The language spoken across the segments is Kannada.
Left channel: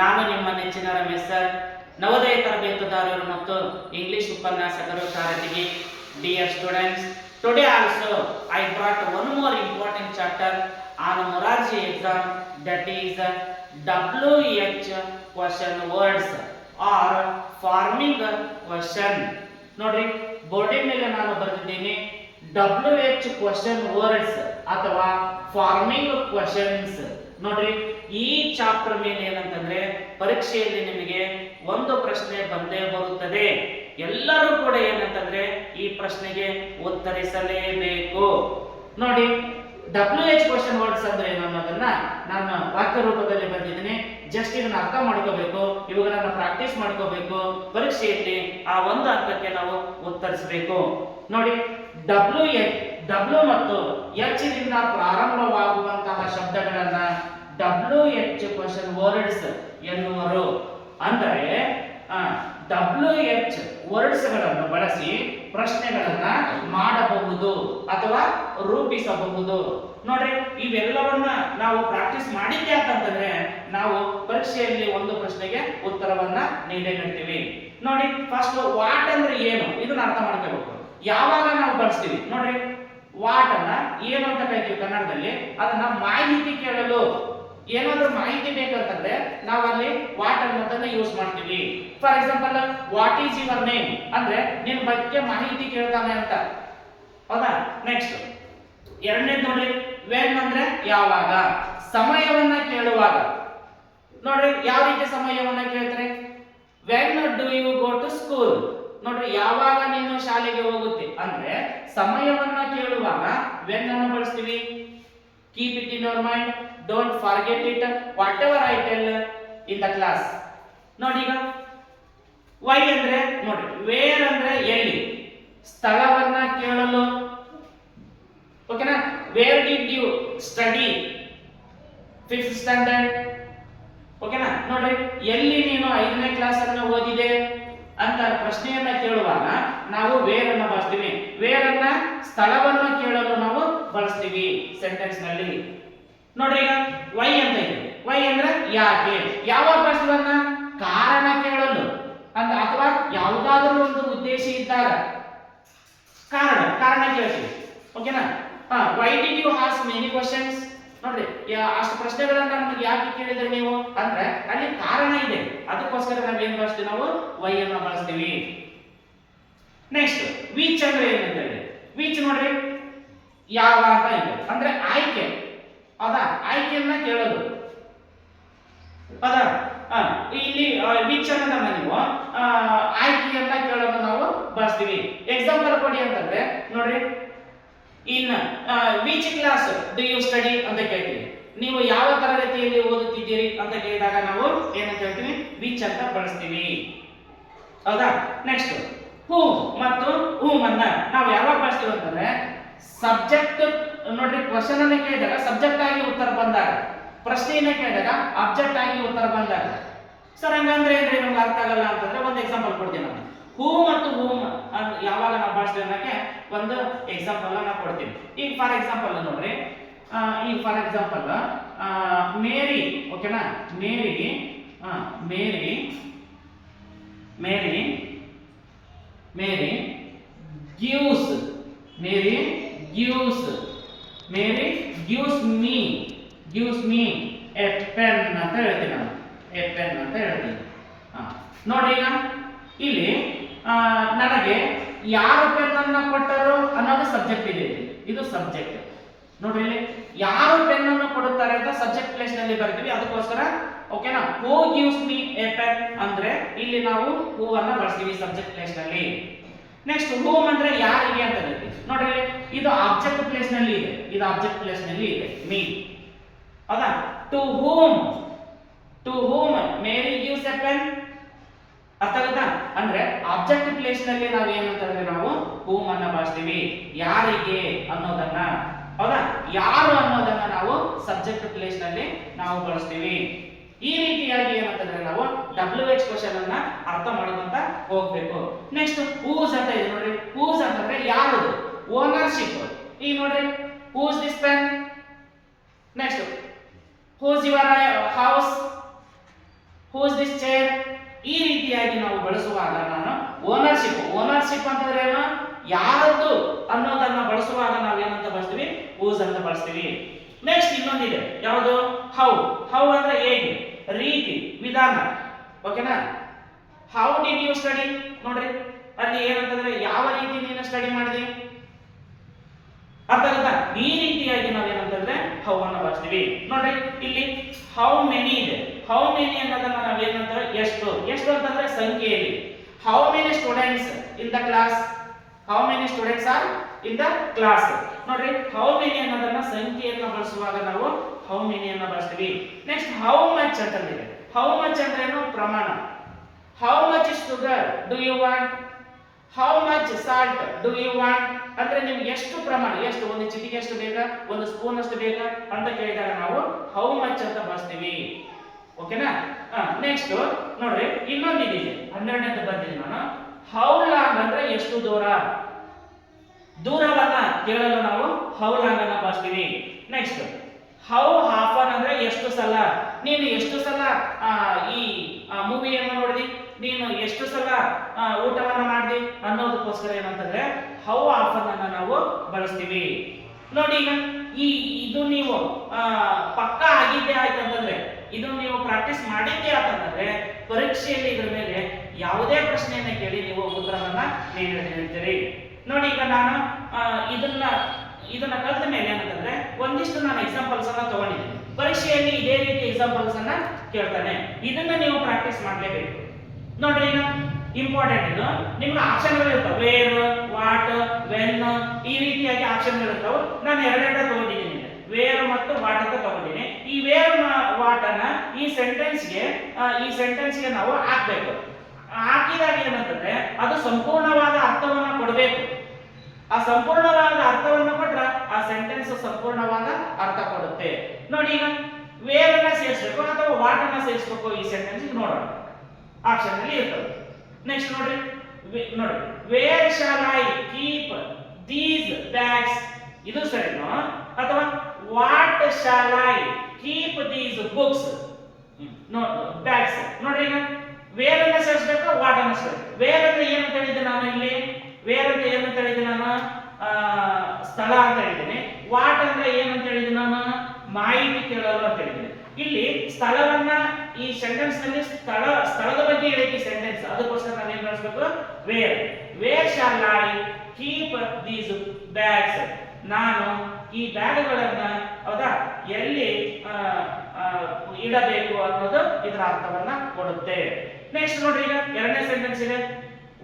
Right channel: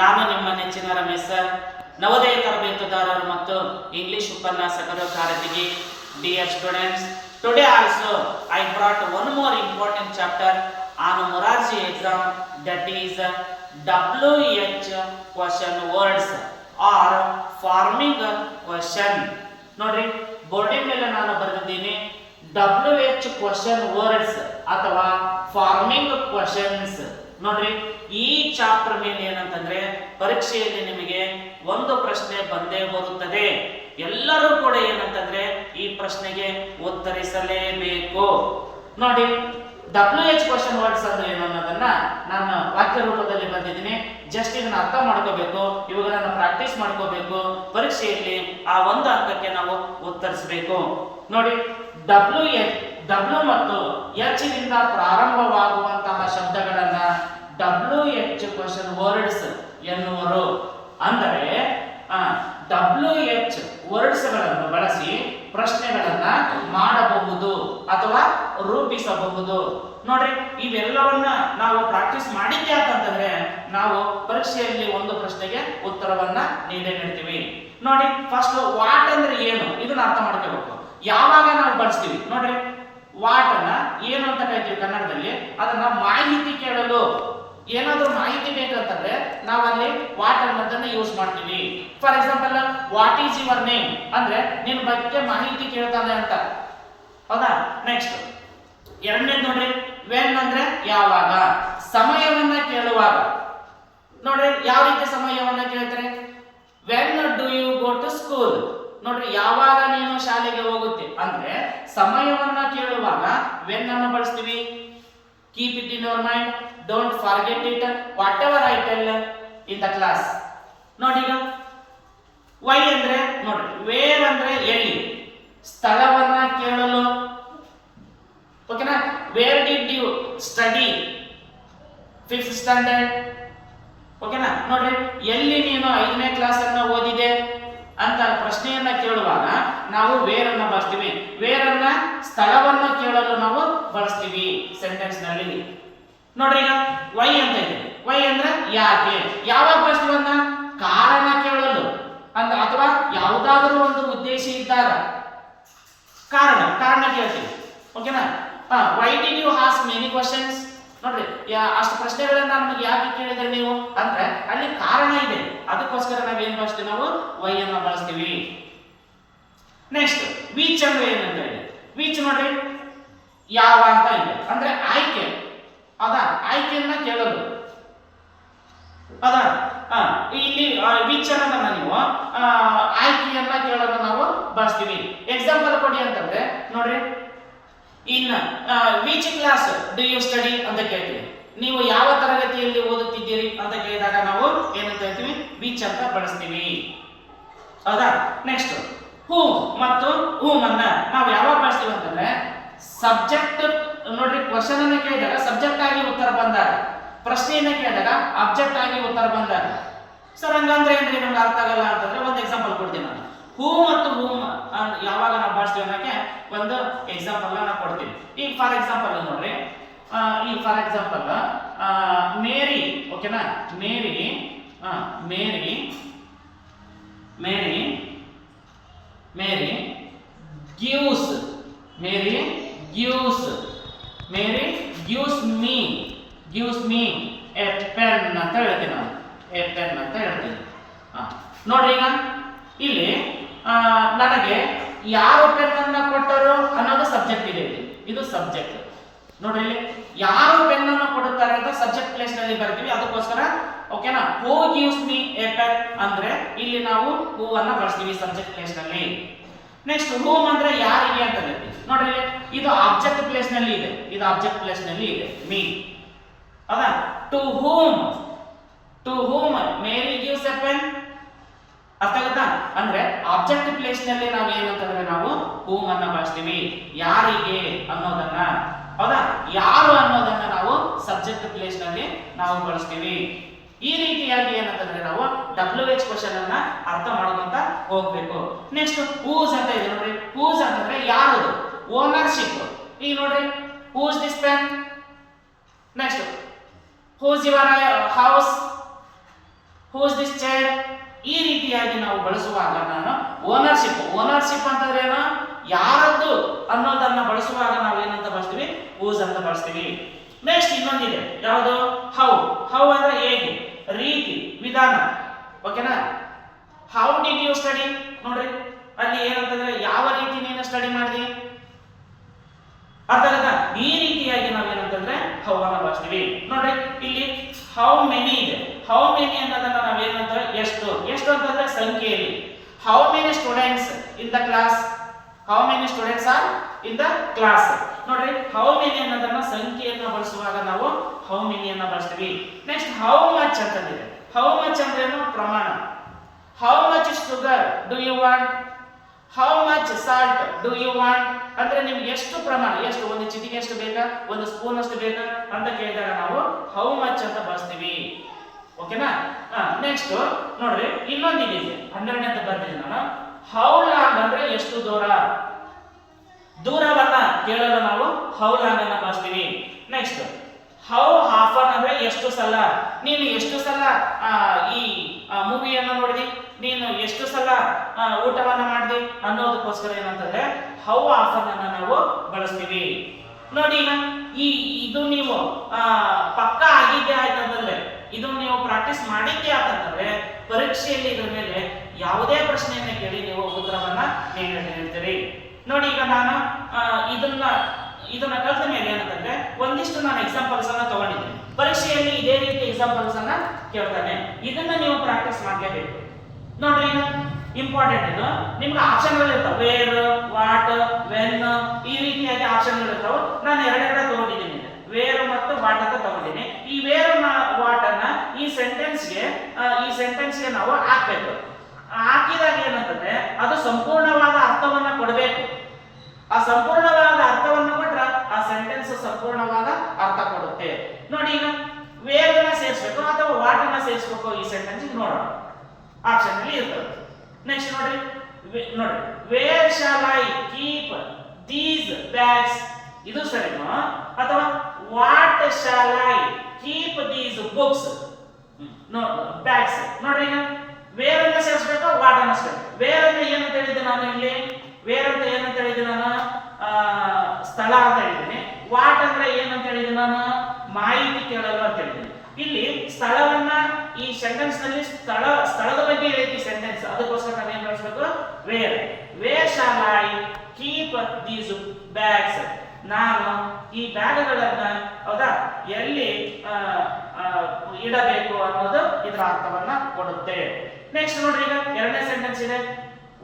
ನಾನು ನಿಮ್ಮ ನೆಚ್ಚಿನ ರಮೇಶ್ ಸರ್, ನವೋದಯ ತರಬೇತುದಾರರು ಮತ್ತು ಇಂಗ್ಲಿಷ್ ಉಪನ್ಯಾಸಕರು Karatagi. Dear students, today also I brought one more important chapter on Morarji exam, that is WH question words or forming question. ನೋಡ್ರಿ, ಬೋರ್ಡಿನ ಮೇಲೆ ನಾನು ಬರೆದಿದ್ದೀನಿ WH question words ಅಥವಾ ಫಾರ್ಮಿಂಗ್ ಕ್ವಶನ್ಸ್. ನೋಡ್ರಿ, ಈ ಚಾಪ್ಟರ್ ಮೇಲೆ ಏನಂತಂದ್ರೆ ಪರೀಕ್ಷೆಯಲ್ಲಿ ನಿಮಗೆ ಒಂದು ಪ್ರಶ್ನೆ ಬಂದೇ ಬರುತ್ತದೆ. ಎಲ್ಲರೂ ಕೂಡ ಏನಂತಂದ್ರೆ ಈ ಪ್ರಶ್ನೆಗೆ ಉತ್ತರಿಸಲೇಬೇಕು. ನೋಡಿ, WH ಕ್ವಶನ್ ವರ್ಡ್ಸ್ ಅಂದ್ರೆ ಏನು ಅನ್ನೋದನ್ನ ನಾನು ವಾಕ್ಯ ರೂಪದಲ್ಲಿ ಬಂದಿದ್ದೀನಿ. ಜಸ್ಟ್ ಇದನ್ನ ಅರ್ಥ ಮಾಡ್ಕೋಬೇಕು, ಇವುಗಳನ್ನ ಪ್ರಾಕ್ಟೀಸ್ ಮಾಡ್ಕೋಬೇಕು. ಪರೀಕ್ಷೆಯಲ್ಲಿ ಆ ಒಂದು ಅಂಕಕ್ಕೆ ನಾವು ಉತ್ತರಿಸಬೇಕು. ನೋಡಿ, W ಮತ್ತು H ನಿಂದ ಪ್ರಾರಂಭವಾಗುವಂತಹ ಶಬ್ದಗಳನ್ನ WH ಕ್ವಶನ್ ವರ್ಡ್ಸ್ ಎನ್ನುವರು. ಅಂದರೆ WH ವರ್ಡ್ಸ್ ಗಳನ್ನು ಬಳಸಿ ಪ್ರಶ್ನೆಗಳನ್ನ ಮಾಡಬಹುದು ಅಥವಾ ರೂಪಿಸಬಹುದು. ನೋಡ್ರಿ, ಇವೆಲ್ಲವನ್ನ ನಾವು ಪ್ರಾಕ್ಟೀಸ್ ಮಾಡಿದ್ದೆ ಅಂತಂದ್ರೆ ನಾವು ಪರೀಕ್ಷೆಯಲ್ಲಿ ಒಂದು ಪ್ರಶ್ನೆಗೆ ಉತ್ತರವನ್ನ ನೀಡ್ತೀವಿ. ನೋಡಿ, ಫಸ್ಟ್ ವಾಟ್ ಅಂದ್ರೆ ಏನು, ಇದನ್ನ ಅರ್ಥ ಮಾಡ್ಕೋಬೇಕು. ಯಾವಾಗ ನಾವು ಬಳಸ್ತೀವಿ ನೋಡ್ರಿ, ವಾಟ್ ಅನ್ನ ಏನು ಅಂತ ಕರಿತೀವಿ ಕನ್ನಡದಲ್ಲಿ, ಅದನ್ನ ಮಾಹಿತಿ ಕೇಳಲು ಏನಾದ್ರೂ ಮಾಹಿತಿ ಬೇಕಂತಂದ್ರೆ ನಾವು ಅಲ್ಲಿ ವಾಟ್ ಅನ್ನೋದನ್ನ ಯೂಸ್ ಮಾಡ್ತೀವಿ. For example, what is your name ಅಂದ್ರೆ ನಿನ್ನ ಬಗ್ಗೆ ಮಾಹಿತಿ ಕೇಳ್ತಾನೆ ಅಂತ, ಹೌದಾ? ನೆಕ್ಸ್ಟ್ ಎರಡನೇದು ನೋಡ್ರಿ, ವೆನ್ ಅಂದ್ರೆ ಯಾವಾಗ, ಸಮಯವನ್ನ ಕೇಳುವಾಗ. ನೋಡ್ರಿ, ಯಾವ ರೀತಿ ಸಮಯವನ್ನ ಕೇಳ್ತಾರೆ, when do you go to school. ನೋಡ್ರಿ, ಯಾವಾಗ ನೀನು ಶಾಲೆಗೆ ಹೋಗುತ್ತೆ ಅಂದ್ರೆ ಸಮಯವನ್ನ ಕೇಳುವಾಗ ವೆನ್ ಅನ್ನು ಬಳಸ್ತೀವಿ. Keep it in your mind, don't forget it, what ever I tell in the class. ನೋಡಿ, ಈಗ ವೈ ಅಂದ್ರೆ ನೋಡ್ರಿ, ವೇರ್ ಅಂದ್ರೆ ಎಲ್ಲಿ, ಸ್ಥಳವನ್ನ ಕೇಳಲು. ಓಕೆನಾ? Where did you study 5th standard. ಓಕೆನಾ? ನೋಡ್ರಿ, ಎಲ್ಲಿ ನೀನು 5ನೇ ಕ್ಲಾಸ್ ಅನ್ನ ಓದಿದೆ ಅಂತ ಪ್ರಶ್ನೆಯನ್ನ ಕೇಳುವಾಗ ನಾವು ವೇರ್ ಅನ್ನ ಬಳಸ್ತೀವಿ. ವೇರ್ ಅನ್ನ ಸ್ಥಳವನ್ನು ಕೇಳಲು ನಾವು ಬಳಸ್ತೀವಿ ಸೆಂಟೆನ್ಸ್ ನಲ್ಲಿ. ನೋಡ್ರಿ, ಈಗ ವೈ ಅಂತ ಇದೆ. ವೈ ಅಂದ್ರೆ ಯಾಕೆ. ಯಾವಾಗ ಬಳಸ್ತೀವಿ ಅಂತ ಕಾರಣ ಕೇಳಲು ಅಂತ, ಅಥವಾ ಯಾವುದಾದರೂ ಒಂದು ಉದ್ದೇಶ ಇದ್ದಾಗ ಕಾರಣ ಕೇಳ್ತೀವಿ. ಓಕೆನಾ? Why did you ask many questions. ನೋಡ್ರಿ, ಅಷ್ಟು ಪ್ರಶ್ನೆಗಳನ್ನ ನಮಗೆ ಯಾಕೆ ಕೇಳಿದ್ರೆ ನೀವು ಅಂದ್ರೆ ಅಲ್ಲಿ ಕಾರಣ ಇದೆ, ಅದಕ್ಕೋಸ್ಕರ ನಾವ್ ಏನ್ ಬಳಸ್ತೀವಿ, ನಾವು ವೈ ಅನ್ನ ಬಳಸ್ತೀವಿ. ನೆಕ್ಸ್ಟ್ ವಿಚ್ ಅಂದ್ರೆ ಏನಂತ ಇದೆ. ವಿಚ್ ನೋಡ್ರಿ, ಯಾವ ಅಂತ ಇದೆ ಅಂದ್ರೆ ಆಯ್ಕೆ, ಹೌದಾ? ಆಯ್ಕೆಯನ್ನ ಕೇಳಲು, ಹೌದಾ? ಇಲ್ಲಿ ವಿಚ್ ಅನ್ನೋದನ್ನ ನೀವು ಆಯ್ಕೆಯನ್ನ ಕೇಳಲು ನಾವು ಬಳಸ್ತೀವಿ. ಎಕ್ಸಾಂಪಲ್ ಕೊಡಿ ಅಂತಂದ್ರೆ ನೋಡ್ರಿ, in which class do you study ಅಂತ ಕೇಳ್ತೀವಿ. ನೀವು ಯಾವ ತರಗತಿಯಲ್ಲಿ ಓದುತ್ತಿದ್ದೀರಿ ಅಂತ ಕೇಳಿದಾಗ ನಾವು ಏನಂತ ಹೇಳ್ತೀವಿ, ವಿಚ್ ಅಂತ ಬಳಸ್ತೀವಿ, ಹೌದಾ? ನೆಕ್ಸ್ಟ್ ಹೂಮ್ ಮತ್ತು ಹೂಮ್ ಅನ್ನ ನಾವು ಯಾವಾಗ ಬಳಸ್ತೀವಿ ಅಂತಂದ್ರೆ ಸಬ್ಜೆಕ್ಟ್. ನೋಡ್ರಿ, ಕ್ವಶನ್ ಅನ್ನ ಕೇಳಿದಾಗ ಸಬ್ಜೆಕ್ಟ್ ಆಗಿ ಉತ್ತರ ಬಂದಾಗ, ಪ್ರಶ್ನೆಯನ್ನ ಕೇಳಿದಾಗ ಆಬ್ಜೆಕ್ಟ್ ಆಗಿ ಉತ್ತರ ಬಂದಾಗ. ಸರ್ ಹಂಗಂದ್ರೆ ಏನ್ರಿ ನಮ್ಗೆ ಅರ್ಥ ಆಗಲ್ಲ ಅಂತಂದ್ರೆ ಒಂದು ಎಕ್ಸಾಂಪಲ್ ಕೊಡ್ತೀನಿ ನಾನು. ಹೂ ಮತ್ತು ಹೂಮ್ ಯಾವಾಗ ನಾವು ಬಳಸ್ತೀವಿ ಅನ್ನೋಕೆ ಒಂದು ಎಕ್ಸಾಂಪಲ್ ನಾನು ಕೊಡ್ತೀನಿ. ಈಗ ಫಾರ್ ಎಕ್ಸಾಂಪಲ್ ನೋಡ್ರಿ, ಈಗ ಫಾರ್ ಎಕ್ಸಾಂಪಲ್ ಮೇರಿ. ಓಕೆನಾ? Mary Mary Mary Mary gives Mary gives Mary gives me a pen ಅಂತ ಹೇಳ್ತೀನಿ ನಾನು. ಎ ಪೆನ್ ಅಂತ ಹೇಳ್ತೀನಿ. ನೋಡ್ರಿ, ಈಗ ಇಲ್ಲಿ ನನಗೆ ಯಾರು ಪೆನ್ ಅನ್ನ ಕೊಟ್ಟರು ಅನ್ನೋದು ಸಬ್ಜೆಕ್ಟ್ ಇದೆ. ಇದು ಸಬ್ಜೆಕ್ಟ್. ನೋಡ್ರಿ, ಇಲ್ಲಿ ಯಾರು ಪೆನ್ ಅನ್ನು ಕೊಡುತ್ತಾರೆ ಅಂತ ಸಬ್ಜೆಕ್ಟ್ ಪ್ಲೇಸ್ ನಲ್ಲಿ ಬರ್ತೀವಿ, ಅದಕ್ಕೋಸ್ಕರ. ಓಕೆನಾ? ಹೂ ಗಿವ್ಸ್ ಮೀ ಎ ಪೆನ್ ಅಂದ್ರೆ ಇಲ್ಲಿ ನಾವು ಹೂ ಅನ್ನ ಬಳಸ್ತೀವಿ ಸಬ್ಜೆಕ್ಟ್ ಪ್ಲೇಸ್ ನಲ್ಲಿ. ನೆಕ್ಸ್ಟ್ ಹೂಮ್ ಅಂದ್ರೆ ಯಾರಿಗೆ ಅಂತ ಹೇಳ್ತೀವಿ. ನೋಡ್ರಿ, ಇದು ಆಬ್ಜೆಕ್ಟ್ ಪ್ಲೇಸ್ ನಲ್ಲಿ ಇದೆ, ಇದು ಆಬ್ಜೆಕ್ಟ್ ಪ್ಲೇಸ್ ನಲ್ಲಿ ಇದೆ, ಮೀ, ಹೌದಾ? To whom Mary gives a pen. ಅರ್ಥ ಆಗುತ್ತಾ? ಅಂದ್ರೆ ಆಬ್ಜೆಕ್ಟ್ ಪ್ಲೇಸ್ ನಲ್ಲಿ ನಾವು ಏನಂತಂದ್ರೆ ನಾವು ಹೂಮ್ ಅನ್ನ ಬಳಸ್ತೀವಿ, ಯಾರಿಗೆ ಅನ್ನೋದನ್ನ, ಹೌದಾ? ಯಾರು ಅನ್ನೋದನ್ನ ನಾವು ಸಬ್ಜೆಕ್ಟ್ ಪ್ಲೇಸ್ ನಲ್ಲಿ ನಾವು ಬಳಸ್ತೀವಿ. ಈ ರೀತಿಯಾಗಿ ಏನಂತಂದ್ರೆ ನಾವು WH ಕ್ವಶನ್ ಅನ್ನ ಅರ್ಥ ಮಾಡ್ಕೊಂತ ಹೋಗ್ಬೇಕು. ನೆಕ್ಸ್ಟ್ ಹೂಸ್ ಅಂತ ಇದೆ. ನೋಡ್ರಿ, ಹೂಸ್ ಅಂತಂದ್ರೆ ಯಾರದು, ಓನರ್ಶಿಪ್. ಈಗ ನೋಡ್ರಿ, whose this pen. Next whose your house, who is this child. ಈ ರೀತಿಯಾಗಿ ನಾವು ಬಳಸುವಾಗ ನಾನು ಓನರ್ಶಿಪ್ ಅಂತಂದ್ರೆ ಏನು, ಯಾರದ್ದು ಅನ್ನೋದನ್ನ ಬಳಸುವಾಗ ನಾವು ಏನಂತ ಬಳಸ್ತೀವಿ, ಹೂಸ್ ಅಂತ ಬಳಸ್ತೀವಿ. ನೆಕ್ಸ್ಟ್ ಇನ್ನೊಂದಿದೆ, ಯಾವುದು, ಹೌ ಅಂದ್ರೆ ಹೇಗೆ, ರೀತಿ, ವಿಧಾನ. ಓಕೆನಾ. ಹೌ ಡಿಡ್ ಯು ಸ್ಟಡಿ, ನೋಡ್ರಿ ಅಲ್ಲಿ ಏನಂತಂದ್ರೆ ಯಾವ ರೀತಿ ನೀನು ಸ್ಟಡಿ ಮಾಡಿದಿ, ಅರ್ಥ ಆಗುತ್ತಾ. ಈ ರೀತಿಯಾಗಿ ನಾವು ಏನಂತಂದ್ರೆ ಹೌ ಅನ್ನ ಬಳಸ್ತೀವಿ. ನೋಡ್ರಿ ಇಲ್ಲಿ ಹೌ ಮೆನಿ ಇದೆ. ಹೌ ಮೆನಿ ಅನ್ನೋದನ್ನ ನಾವೇನಂತ, ಎಷ್ಟು ಅಂತಂದ್ರೆ ಸಂಖ್ಯೆಯಲ್ಲಿ. How many students in the class, how many students are in the class. ನೋಡ್ರಿ ಹೌ ಮೆನಿ ಅನ್ನೋದನ್ನ ಸಂಖ್ಯೆಯನ್ನ ಬಳಸುವಾಗ ನಾವು ಹೌ ಮೆನಿ ಅನ್ನ ಬಳಸ್ತೀವಿ. ನೆಕ್ಸ್ಟ್ ಹೌ ಮಚ್ ಅಂತಂದಿದೆ. ಹೌ ಮಚ್ ಅಂದ್ರೆ ಏನು, ಪ್ರಮಾಣ. How much sugar do you want, how much salt do you want ಅಂದ್ರೆ ನಿಮ್ಗೆ ಎಷ್ಟು ಪ್ರಮಾಣ, ಎಷ್ಟು, ಒಂದು ಚಿಟಿಕೆ ಎಷ್ಟು ಬೇಕಾ, ಒಂದು ಸ್ಪೂನ್ ಅಷ್ಟು ಬೇಕಾ ಅಂತ ಕೇಳಿದಾಗ ನಾವು ಹೌ ಮಚ್ ಅಂತ ಬಳಸ್ತೀವಿ. ಓಕೆನಾ. ನೆಕ್ಸ್ಟ್ ನೋಡ್ರಿ ಇನ್ನೊಂದಿದೆ, 12ನೇದು ಬರ್ತೀನಿ ನಾನು. ಹೌ ಲಾಂಗ್ ಅಂದ್ರೆ ಎಷ್ಟು ದೂರವನ್ನ ಕೇಳಲು ನಾವು ಹೌ ಲಾಂಗ್ ಅನ್ನ ಬಳಸ್ತೀವಿ. ನೆಕ್ಸ್ಟ್ ಹೌ ಆಫನ್ ಅಂದ್ರೆ ಎಷ್ಟು ಸಲ, ನೀನು ಎಷ್ಟು ಸಲ ಈ ಮೂವಿಯನ್ನು ನೋಡಿದಿ, ನೀನು ಎಷ್ಟು ಸಲ ಊಟವನ್ನ ಮಾಡಿದಿ ಅನ್ನೋದಕ್ಕೋಸ್ಕರ ಏನಂತಂದ್ರೆ ಹೌ ಆಫನ್ ಅನ್ನ ನಾವು ಬಳಸ್ತೀವಿ. ನೋಡಿ ಈಗ ಇದು ನೀವು ಪಕ್ಕಾ ಆಗಿದ್ದೇ ಆಯ್ತಂತಂದ್ರೆ, ಇದು ನೀವು ಪ್ರಾಕ್ಟೀಸ್ ಮಾಡಿದ್ದೇ ಆಯ್ತಂತಂದ್ರೆ ಪರೀಕ್ಷೆಯಲ್ಲಿ ಇದ್ರ ಮೇಲೆ ಯಾವುದೇ ಪ್ರಶ್ನೆಯನ್ನ ಕೇಳಿ ನೀವು ಉತ್ತರವನ್ನ ನೀಡ್ತೀರಿ. ನೋಡಿ ಈಗ ನಾನು ಇದನ್ನ ಕಲಿತ ಮೇಲೆ ಏನಂತಂದ್ರೆ ಒಂದಿಷ್ಟು ನಾನು ಎಕ್ಸಾಂಪಲ್ಸ್ ಅನ್ನ ತಗೊಂಡಿದ್ದೀನಿ. ಪರೀಕ್ಷೆಯಲ್ಲಿ ಇದೇ ರೀತಿ ಎಕ್ಸಾಂಪಲ್ಸ್ ಅನ್ನ ಕೇಳ್ತಾನೆ, ಇದನ್ನ ನೀವು ಪ್ರಾಕ್ಟೀಸ್ ಮಾಡಲೇಬೇಕು. ನೋಡ್ರಿ ಈಗ ಇಂಪಾರ್ಟೆಂಟ್ ಇದು, ನಿಮ್ಗೆ ಆಪ್ಷನ್ಗಳು ಇರ್ತಾವೆ, ವೇರ್, ವಾಟ್, ವೆನ್, ಈ ರೀತಿಯಾಗಿ ಆಪ್ಷನ್ಗಳು ಇರ್ತಾವೆ. ನಾನು ಎರಡೆರಡು ತಗೊಂಡಿದ್ದೀನಿ, ವೇರ್ ಮತ್ತು ವಾಟ್ ಅಂತ ತಗೊಂಡಿದ್ದೀನಿ. ಈ ವೇರ್ ವಾಟ್ ಅನ್ನ ಈ ಸೆಂಟೆನ್ಸ್ಗೆ ನಾವು ಹಾಕ್ಬೇಕು. ಹಾಕಿದಾಗ ಏನಂತಂದ್ರೆ ಅದು ಸಂಪೂರ್ಣವಾದ ಅರ್ಥವನ್ನ ಕೊಡಬೇಕು. ಆ ಸಂಪೂರ್ಣವಾದ ಅರ್ಥವನ್ನು ಕೊಟ್ರೆ ಆ ಸೆಂಟೆನ್ಸ್ ಸಂಪೂರ್ಣವಾದ ಅರ್ಥ ಕೊಡುತ್ತೆ. ನೋಡಿ ಈಗ ವೇರ್ ಅನ್ನ ಸೇರಿಸಬೇಕು ಅಥವಾ ವಾಟ್ ಅನ್ನ ಸೇರಿಸಬೇಕು ಈ ಸೆಂಟೆನ್ಸ್ ನೋಡೋಣ, ಆಪ್ಷನ್ ಅಲ್ಲಿ ಇರ್ತದೆ. ನೆಕ್ಸ್ಟ್ ನೋಡ್ರಿ where shall I keep these bags, ಇದು ಸರಿನೋ, ಅಥವಾ what shall I keep these books bags. ನೋಡ್ರಿ ಈಗ ವೇರ್ ಅನ್ನ ಸೇರಿಸಬೇಕು, ವಾಟ್ ಅನ್ನ ಸೇರಿಸಬೇಕು. ವೇರ್ ಅಂದ್ರೆ ಏನಂತ ಹೇಳಿದ್ದೆ ನಾನು ಇಲ್ಲಿ, ವೇರ್ ಅಂತ ಏನಂತ ಹೇಳಿದ್ದೆ ನಾನು, ಸ್ಥಳ ಅಂತ ಹೇಳಿದ್ದೀನಿ. ವಾಟ್ ಅಂದ್ರೆ ಏನಂತ ಹೇಳಿದ್ದೀನಿ ನಾನು, ಮಾಹಿತಿ ಕೇಳಲು ಅಂತ ಹೇಳಿದ್ದೀನಿ. ಇಲ್ಲಿ ಸ್ಥಳವನ್ನ ಈ ಸೆಂಟೆನ್ಸ್ ನಲ್ಲಿ ಸ್ಥಳದ ಬಗ್ಗೆ ಹೇಳಕ್ಕೆ ಸೆಂಟೆನ್ಸ್, ಅದಕ್ಕೋಸ್ಕರ ನಾವು ಏನ್ ಬಳಸಬೇಕು, where shall I keep these bags, ನಾನು ಈ ಬ್ಯಾಗ್ಗಳನ್ನ ಹೌದಾ ಎಲ್ಲಿ ಇಡಬೇಕು ಅನ್ನೋದು ಇದರ ಅರ್ಥವನ್ನ ಕೊಡುತ್ತೆ. ನೆಕ್ಸ್ಟ್ ನೋಡ್ರಿ ಈಗ ಎರಡನೇ ಸೆಂಟೆನ್ಸ್ ಇದೆ,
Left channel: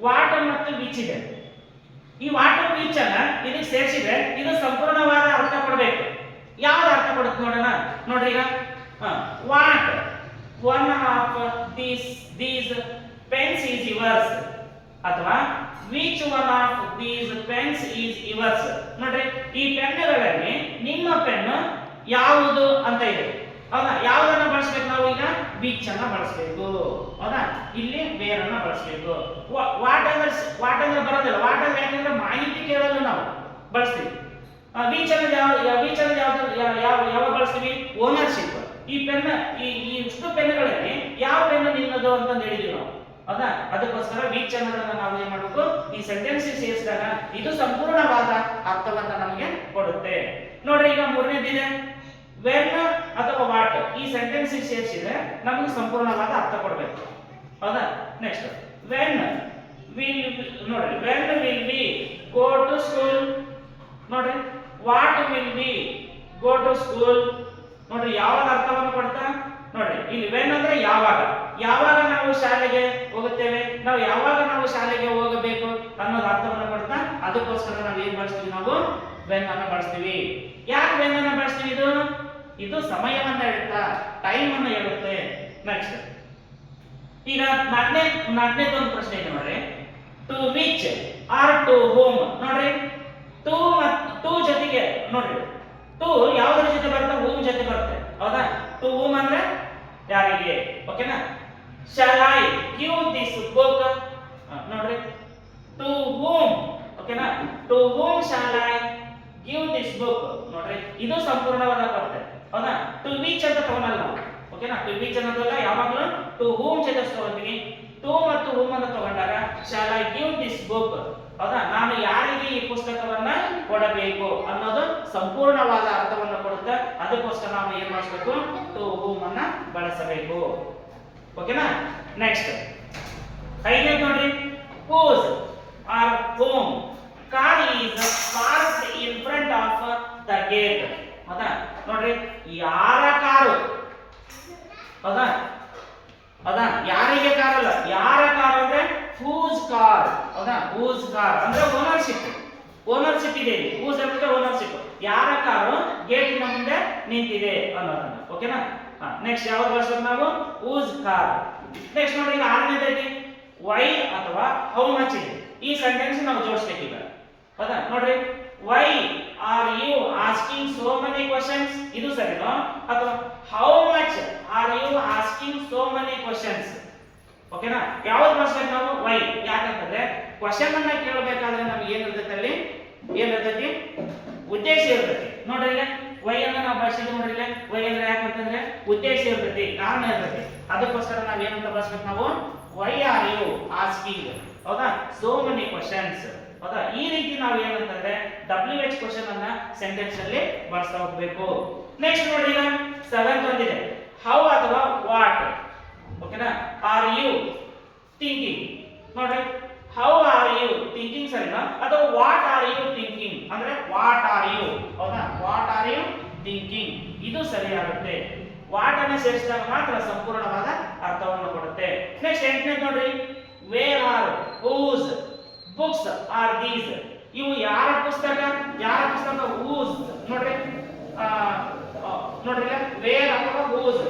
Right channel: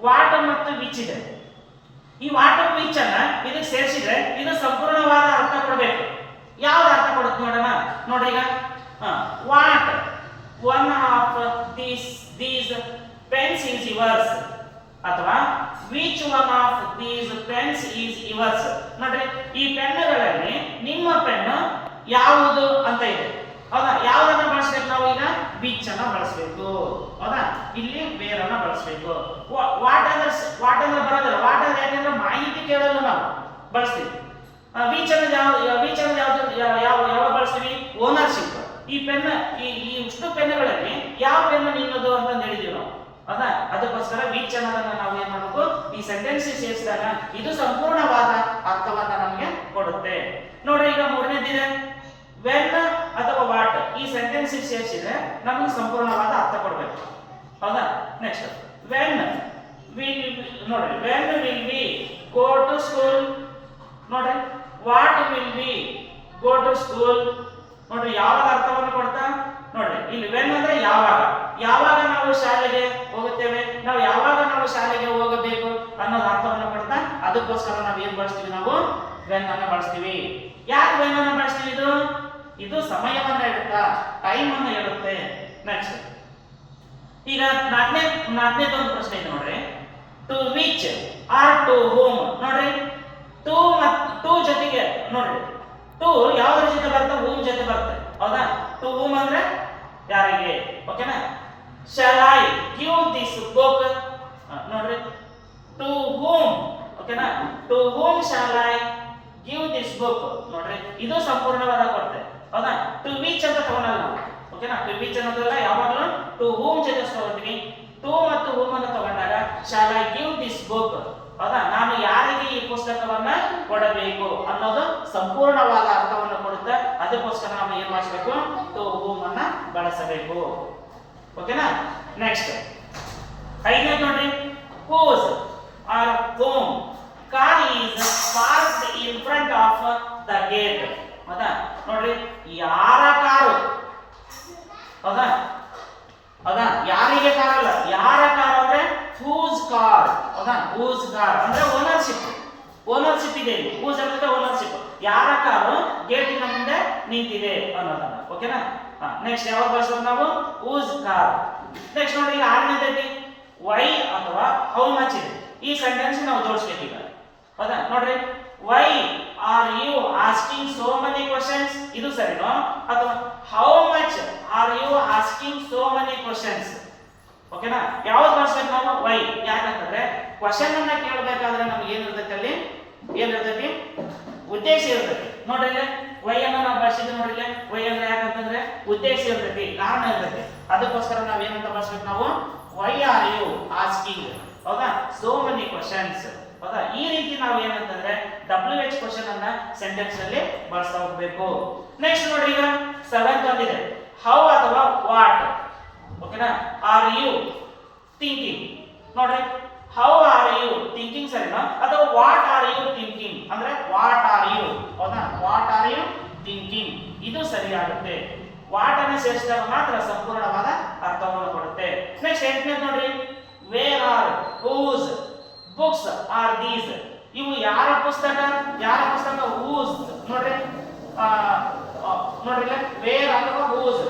ವಾಟ್ ಮತ್ತು ವಿಚ್ ಇದೆ. ಈ ವಾಟ್ ವಿಚ್ ಅನ್ನ ಇದಕ್ಕೆ ಸೇರಿಸಿದ್ರೆ ಇದು ಸಂಪೂರ್ಣವಾದ ಅರ್ಥ ಕೊಡಬೇಕು. ಯಾವ್ದು ಅರ್ಥ ಕೊಡುತ್ತೆ ನೋಡೋಣ. ನೋಡ್ರಿ ಈಗ what one of these pens is yours, ಅಥವಾ which one of these pens is yours. ನೋಡ್ರಿ ಈ ಪೆನ್ನುಗಳಲ್ಲಿ ನಿಮ್ಮ ಪೆನ್ನು ಯಾವುದು ಅಂತ ಇದೆ, ಹೌದಾ. ಯಾವ್ದನ್ನ ಬಳಸಬೇಕು ನಾವು ಈಗ, ವಿಚ್ ಅನ್ನ ಬಳಸಬೇಕು, ಹೌದಾ. ಇಲ್ಲಿ ವೇರ್ ಅನ್ನ ಬಳಸಬೇಕು. ವಾಟ್ ಅಂದ್ರೆ ಬರೋದಿಲ್ಲ. ವಾಟ್ ಅಂದ್ರೆ ಯಾಕಂದ್ರೆ ಮಾಹಿತಿ ಕೇಳಲು ನಾವು ಬಳಸ್ತೀವಿ. ವಿಚ್ ಅನ್ನ ಯಾವ ಬಳಸ್ತೀವಿ, ಓನರ್ಶಿಪ್. ಈ ಪೆನ್ ಈ ಇಷ್ಟು ಪೆನ್ನುಗಳಲ್ಲಿ ಯಾವ ಪೆನ್ ನಿನ್ನದು ಅಂತ ಹೇಳಿದೀವಿ ನಾವು, ಹೌದಾ. ಅದಕ್ಕೋಸ್ಕರ ವಿಚ್ ಅನ್ನೋದನ್ನ ನಾವು ಏನ್ ಮಾಡಬೇಕು, ಈ ಸೆಂಟೆನ್ಸ್ ಸೇರಿಸಿದಾಗ ಇದು ಸಂಪೂರ್ಣವಾದ ಅರ್ಥವನ್ನ ನಮಗೆ ಕೊಡುತ್ತೆ. ನೋಡ್ರಿ ಈಗ ಮೂರನೇದಿದೆ, ವೆನ್ ಅಥವಾ ವಾಟ್, ಈ ಸೆಂಟೆನ್ಸ್ ಸೇರಿಸಿದ್ರೆ ನಮಗೆ ಸಂಪೂರ್ಣವಾದ ಅರ್ಥ ಕೊಡಬೇಕು, ಹೌದಾ. ನೆಕ್ಸ್ಟ್ ವೆನ್ ನೋಡ್ರಿ when will we go to school, ನೋಡ್ರಿ what will we go to school. ನೋಡ್ರಿ ಯಾವಾಗ ಅರ್ಥವನ್ನು ಕೊಡ್ತಾ, ನೋಡ್ರಿ ಇಲ್ಲಿ ವೆನ್ ಅಂದ್ರೆ ಯಾವಾಗ ನಾವು ಶಾಲೆಗೆ ಹೋಗುತ್ತೇವೆ, ನಾವು ಯಾವಾಗ ನಾವು ಶಾಲೆಗೆ ಹೋಗಬೇಕು ಅನ್ನೋದು ಅರ್ಥವನ್ನು ಕೊಡ್ತಾ, ಅದಕ್ಕೋಸ್ಕರ ನಾವು ಏನ್ ಬಳಸ್ತೀವಿ, ನಾವು ವೆನ್ ಅನ್ನ ಬಳಸ್ತೀವಿ. ಯಾಕೆ ವೆನ್ ಅನ್ನ ಬಳಸ್ತೀವಿ, ಇದು ಸಮಯವನ್ನ ಹೇಳುತ್ತಾ, ಟೈಮ್ ಅನ್ನು ಹೇಳುತ್ತೆ. ನೆಕ್ಸ್ಟ್ ಈಗ ನಾಲ್ಕನೇದು ಒಂದು ಪ್ರಶ್ನೆ ಇದೆ ನೋಡ್ರಿ, to which or to whom. ನೋಡ್ರಿ ಟು ಜೊತೆಗೆ ನೋಡ್ರಿ ಟು ಯಾವ್ದ್ರ ಜೊತೆ ಬರುತ್ತೆ, ಹೋಮ್ ಜೊತೆ ಬರುತ್ತೆ, ಹೌದಾ. ಟು ಹೋಮ್ ಅಂದ್ರೆ ಯಾರಿಗೆ, ಓಕೆನಾ. Shall I give this book, ನೋಡ್ರಿ ಟು ಹೋಮ್, ಓಕೆನಾ. To whom shall I give this book. ನೋಡ್ರಿ ಇದು ಸಂಪೂರ್ಣವಾದ ಕೊಡುತ್ತೆ, ಹೌದಾ. ಟು ವಿಚ್ ಅಂತ ತಗೊಳಲ್ಲ ನಾವು, ಓಕೆನಾ. ಟು ವಿಚ್ ಅನ್ನೋದಲ್ಲ, ಯಾವಾಗಲೂ ಟು ಹೂಮ್ ಜೊತೆ ತಗೊಂತೀನಿ. ಟು ಮತ್ತು ಹೂಮ್ ಅನ್ನು ತಗೊಂಡಾಗ shawl I give this book, ಹೌದಾ, ನಾನು ಯಾರಿಗೆ ಈ ಪುಸ್ತಕವನ್ನ ಕೊಡಬೇಕು ಅನ್ನೋದು ಸಂಪೂರ್ಣವಾದ ಅರ್ಥವನ್ನು ಕೊಡುತ್ತೆ. ಅದಕ್ಕೋಸ್ಕರ ನಾವು ಏನ್ ಮಾಡಿಸಬೇಕು, ಟು ಹೂಮ್ ಅನ್ನ ಬಳಸಬೇಕು. ಓಕೆನಾ. ನೆಕ್ಸ್ಟ್ 5ನೇ ನೋಡ್ರಿ, whose or whom car is parked in front of the gate. ಹೌದಾ, ನೋಡ್ರಿ, ಯಾರ ಕಾರು, ಹೌದಾ ಹೌದಾ, ಯಾರಿಗೆ ಕಾರ್ ಅಲ್ಲ, ಯಾರ ಕಾರ್ ಅಂದ್ರೆ whose car, ಹೌದಾ, whose car ಅಂದ್ರೆ ಓನರ್ಶಿಪ್, ಓನರ್ಶಿಪ್ ಇದೆ. whose ಅಂದ್ರೆ ಓನರ್ಶಿಪ್, ಯಾರ ಕಾರು ಗೇಟಿನ ಮುಂದೆ ನಿಂತಿದೆ ಅನ್ನೋದನ್ನ. ಓಕೆನಾ. ನೆಕ್ಸ್ಟ್ ಯಾವಾಗ ಬಳಸ್ಬೇಕು ನಾವು, whose car. ನೆಕ್ಸ್ಟ್ ನೋಡಿ, 6ನೇದೈತಿ ವೈ ಅಥವಾ ಹೌ ಮಚ್ ಇದೆ. ಈ ಸೆಂಟೆನ್ಸ್ ನಾವು ಜೋಡಿಸ್ಬೇಕು ಈಗ. ಹೌದಾ, ನೋಡ್ರಿ, why are you asking so many questions, ಇದು ಸರಿನೋ, ಅಥವಾ how much are you asking so many questions. ಓಕೆನಾ. ಯಾವ್ದು ಬಳಸ್ಬೇಕು ನಾವು, ವೈ. ಯಾಕಂತಂದ್ರೆ ಕ್ವೆಶ್ಚನ್ ಅನ್ನ ಕೇಳಬೇಕಾದ್ರೆ ನಮ್ಗೆ ಏನಿರ್ತೈತಿ, ಅಲ್ಲಿ ಏನಿರ್ತೈತಿ, ಉದ್ದೇಶ ಇರ್ತೈತಿ. ನೋಡ್ರಿ ಇಲ್ಲಿ ವೈ ಅನ್ನ ನಾವು ಬಳಸಿದ್ವಿ. ನೋಡ್ರಿ ಇಲ್ಲಿ ವೈ ಅಂದ್ರೆ ಯಾಕಂತಂದ್ರೆ ಉದ್ದೇಶ ಇರ್ತೈತಿ, ಕಾರಣ ಇರ್ತೈತಿ. ಅದಕ್ಕೋಸ್ಕರ ನಾವ್ ಏನಂತ ಬಳಸ್ಬೇಕು ನಾವು, ವೈ ಆರ್ ಯು ಆಸ್ಕಿಂಗ್, ಹೌದಾ, ಸೋ ಮೆನಿ ಕ್ವೆಶ್ಚನ್ಸ್. ಹೌದಾ, ಈ ರೀತಿ ನಾವು ಏನಂತಂದ್ರೆ WH ಕ್ವೆಶ್ಚನ್ ಅನ್ನ ಸೆಂಟೆನ್ಸ್ ಅಲ್ಲಿ ಬಳಸ್ತಾ ಹೋಗ್ಬೇಕು. ನೆಕ್ಸ್ಟ್ ನೋಡಿ, ಈಗ 7th ಒಂದಿದೆ, ಹೌ ಅಥವಾ ವಾಟ್. ಓಕೆನಾ. Are you thinking. ನೋಡ್ರಿ, ಹೌ ಆರ್ ಯು ಥಿಂಕಿಂಗ್ ಸರಿನಾ, ಅಥವಾ ವಾಟ್ ಆರ್ ಯು ಥಿಂಕಿಂಗ್ ಅಂದ್ರೆ ವಾಟ್ ಆರ್ ಯು, ಹೌದಾ, ವಾಟ್ ಆರ್ ಯು ಥಿಂಕಿಂಗ್, ಇದು ಸರಿಯಾಗುತ್ತೆ. ವಾಟ್ ಅನ್ನ ಸೇರಿಸಿದಾಗ ಮಾತ್ರ ಸಂಪೂರ್ಣವಾದ ಅರ್ಥವನ್ನು ಕೊಡುತ್ತೆ. ನೆಕ್ಸ್ಟ್ 8ನೇ ನೋಡ್ರಿ, where are whose books are these. ಇವು ಯಾರ ಪುಸ್ತಕ, ಯಾರ ಪುಸ್ತಕ, ಹೂಸ್. ನೋಡ್ರಿ, ನೋಡ್ರಿ, ವೇರ್ ಅಥವಾ ಹೂಸ್.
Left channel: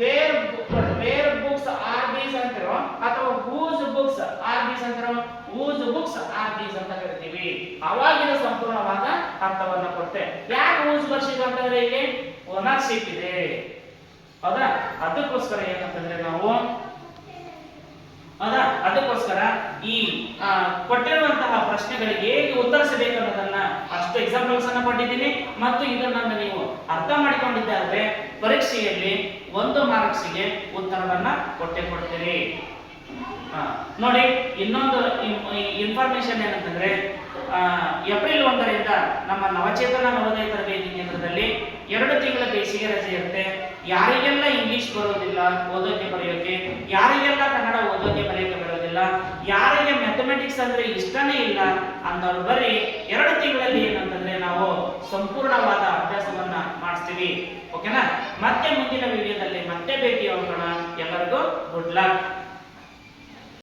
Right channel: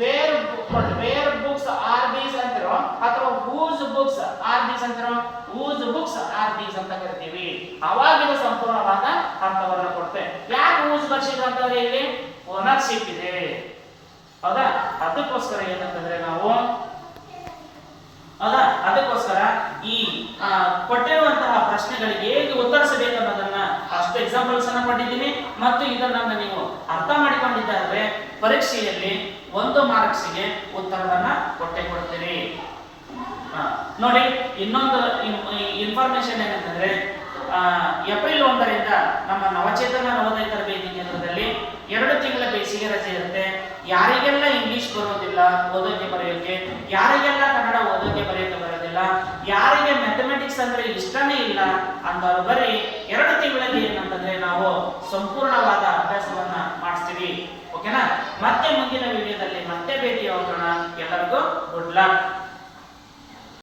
ವೇರ್ ನೋಡ್ರಿ, ವೇರ್ ಬುಕ್ಸ್ ಆರ್ ದೀಸ್ ಅಂತಿರೋ, ಅಥವಾ ಹೂಸ್ ಬುಕ್ಸ್ ಆರ್ ದೀಸ್ ಅಂತಿರೋ, ಹೂಸ್ ಬುಕ್ಸ್ ಆರ್ ದೀಸ್ ಅಂತ ಕರಿತೀವಿ. ಅವಾಗ ಇದು ಸಂಪೂರ್ಣವಾದ ಅರ್ಥವನ್ನು ಕೊಡುತ್ತೆ. ಯಾಕೆ ಹೂಸ್ ಬರ್ಸಿದ್ರು ಅಂತಂದ್ರೆ ಇಲ್ಲಿ ಓನರ್ಶಿಪ್ ಇದೆ, ಹೌದಾ. ಅದಕ್ಕೋಸ್ಕರ ಏನಂತಂದ್ರೆ ನಾವು, ಹೌದಾ, ಅದಕ್ಕೋಸ್ಕರ ಈ ಕೊಟ್ಟಿರುವಂತಹ ಪ್ರಶ್ನೆಗಳಿಗೆ ಹೇಗೆ ಉತ್ತರಿಸಬೇಕು ಅನ್ನೋದನ್ನ ಅಷ್ಟು ಎಕ್ಸಾಂಪಲ್ಸ್ ಅನ್ನ ಕೊಟ್ಟಿದ್ದೀನಿ. ಮತ್ತು ಇದನ್ನ ನೀವು ಅರ್ಥ ಮಾಡಿಕೊಂಡಿದ್ದಾದ್ರೆ ಪರೀಕ್ಷೆಯಲ್ಲಿ 1 ಮಾರ್ಕ್ಸ್ಗೆ ಉತ್ತರವನ್ನ ಕೊಟ್ಟೆ ಕೊಡ್ತೀರಿ. ನೋಡಿ, ಇನ್ನೊಂದು ಇನ್ಫಾರ್ಮೇಶನ್ ಏನಂತಂದ್ರೆ, ಏಪ್ರಿಲ್ 1ರಿಂದ ನಮ್ಮ ನವಚೇತನ ನವೋದಯ ತರಬೇತಿ ಕೇಂದ್ರದಲ್ಲಿ 2 ತಿಂಗಳ ಬೇಸಿಗೆ ರಜೆ ಇರುತ್ತೆ. ಯಾರಿಗೆಲ್ಲ ಇಂಗ್ಲಿಷ್ ಬರೋದಿಲ್ಲ ಓದೋಕೆ ಬರೆಯೋಕೆ, ಯಾರಿಗೆಲ್ಲ ಕನ್ನಡ ಓದೋಕೆ ಬರೆಯೋಕೆ ಬರೋದಿಲ್ಲ, ಯಾರಿಗೆ ಮ್ಯಾಥಮೆಟಿಕ್ಸ್ ಅಂದ್ರೆ ಇಷ್ಟನೇ ಇಲ್ಲ ಅಂದವರು ಬರೀ 2 ತಿಂಗಳಲ್ಲಿ ಏನಂತಂದ್ರೆ ನಾವು ಸಂಪೂರ್ಣವಾದ ಅಭ್ಯಾಸವನ್ನ ಮಾಡಿಸ್ತೀವಿ. ಓಕೆನಾ. ಮತ್ತೆ ಮುಂದಿನ ವಿಡಿಯೋದಲ್ಲಿ ಮತ್ತೆ ಭೇಟಿಯಾಗೋಣ. ಎಲ್ಲರಿಗೂ ಗುಡ್ ಲಕ್.